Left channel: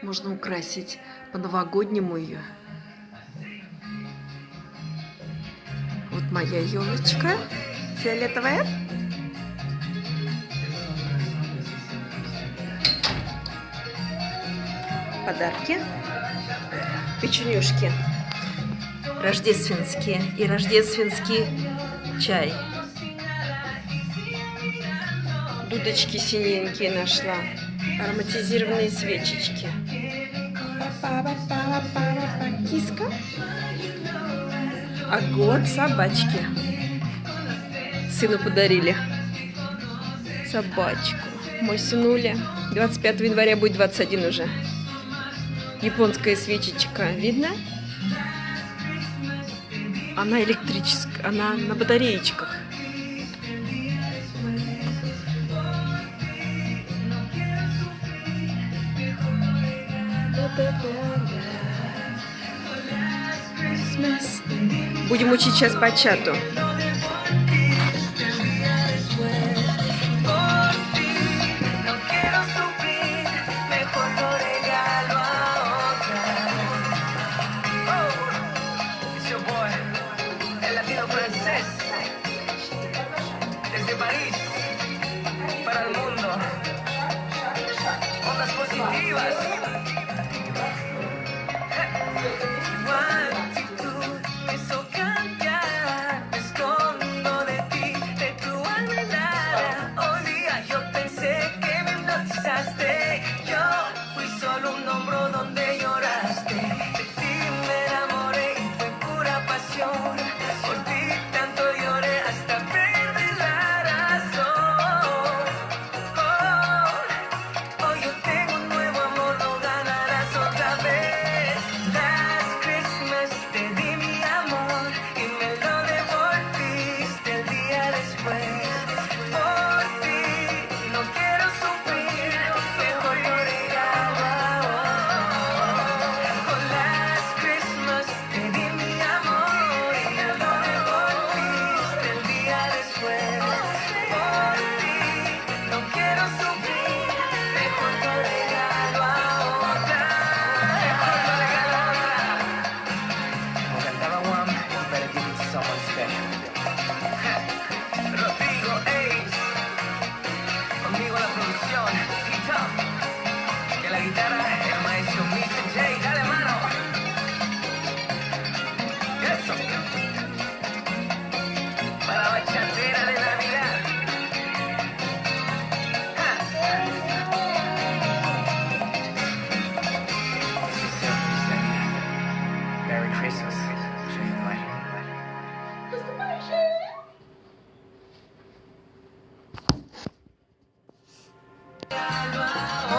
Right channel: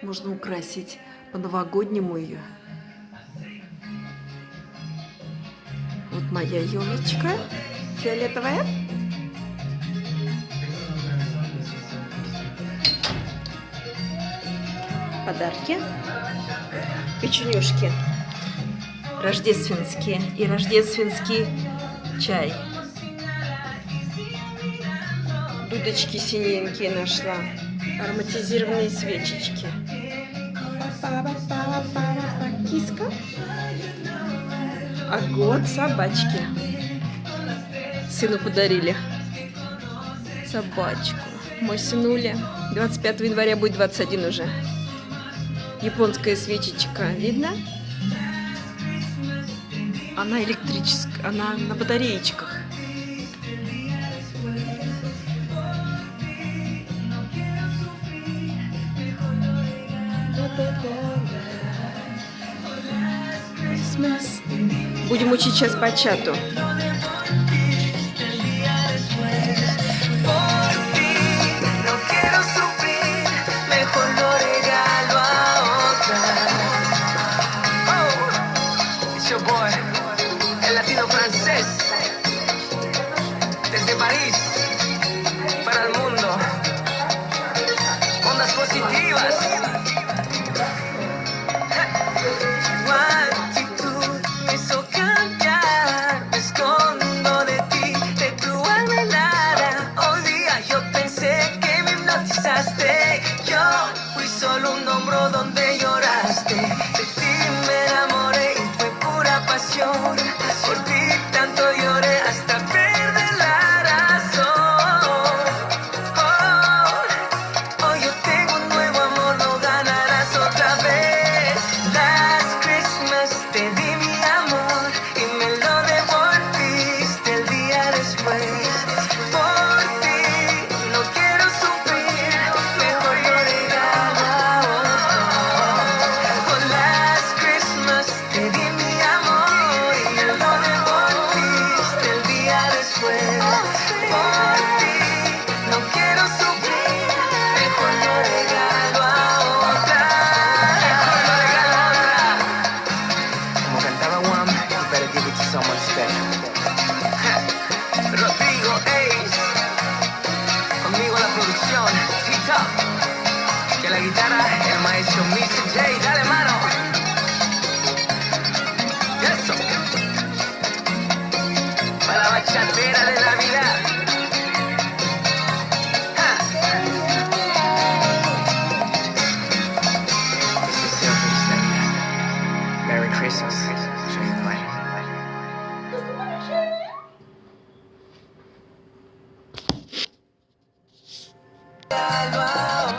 Можно украсить по-новогоднему ее. Вот моя елочка фиолетовая. Подарки. Печенюшки. Рождественские. И рождественский чай. Дудочки синенькие нашла. Ароматизированные свечечки. Киска. А год собачки. Сыну подарили собачку. Мой сынуля. 25 января будет 21 уже. Японская свечечка. Видно? Она электрическая. Она на батареечках. Будем учить сейчас бачату. Desde París para el mundo, ondas positivas. Tu actitud me hizo cambiar, me escondo de ti, de tu alma helada. Hoy día yo pensé que me hipnotizaste, yo fui solo un hombro donde lloraste. De ti me enamoré y fue pura pasión, por ti tanto lloré hasta perder la razón. Hoy yo tengo un nuevo amor, no ganarás otra vez. Last Christmas te di mi amor y me lo devolviste el día después. Por ti no quiero sufrir, mejor yo regalo ahora. Por Last Christmas te di mi amor y me lo devolviste el día después. Por ti no quiero sufrir, mejor yo regalo ahora. Mejor yo regalo ahora. Como cantaba Juan, you better give it to someone special. Rodrigo Ace, conmigo la producción, T-Top, que la guitarra, el maestro Mr. J, dale mano. Eso, para la bachatera de Navidad. This is feliz Navidad. Merry Christmas.